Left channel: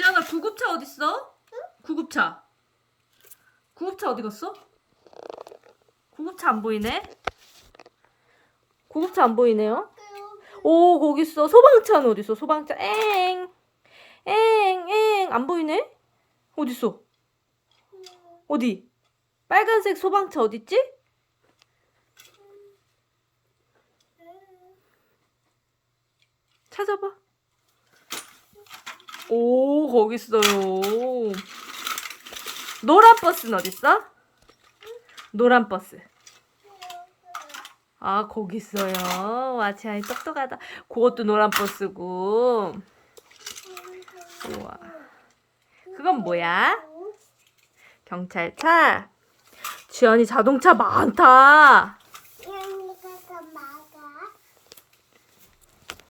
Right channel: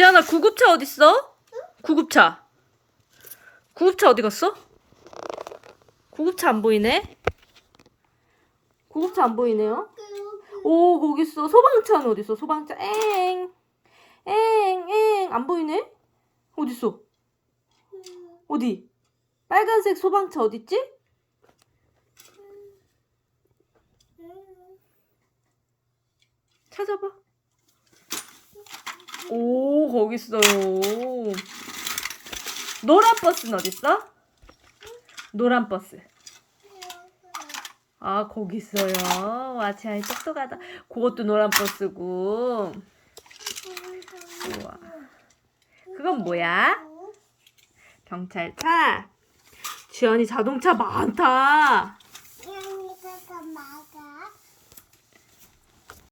지안아 구급차 어딨어? 구급차. 구급차 어디 갔어? 구급차 안 보이네. 구급차 안 보이네요. 오 거기 있어. 소방차는 어디 있어? 소방차. 엥. 엥, 엥. 안 보이네? 어디 있어? 어디? 빨간색 소방차 어디 있지? 찾아봐. 오, 거기 있어요. 노란 버스는 어디 있어? 노란 버스. 아, 거기 있어요. 와, 지아이 똑똑하다. 그것도 노란 버스고. 우와. 그건 뭐야? 경찰차. 지안이 자동차 많다.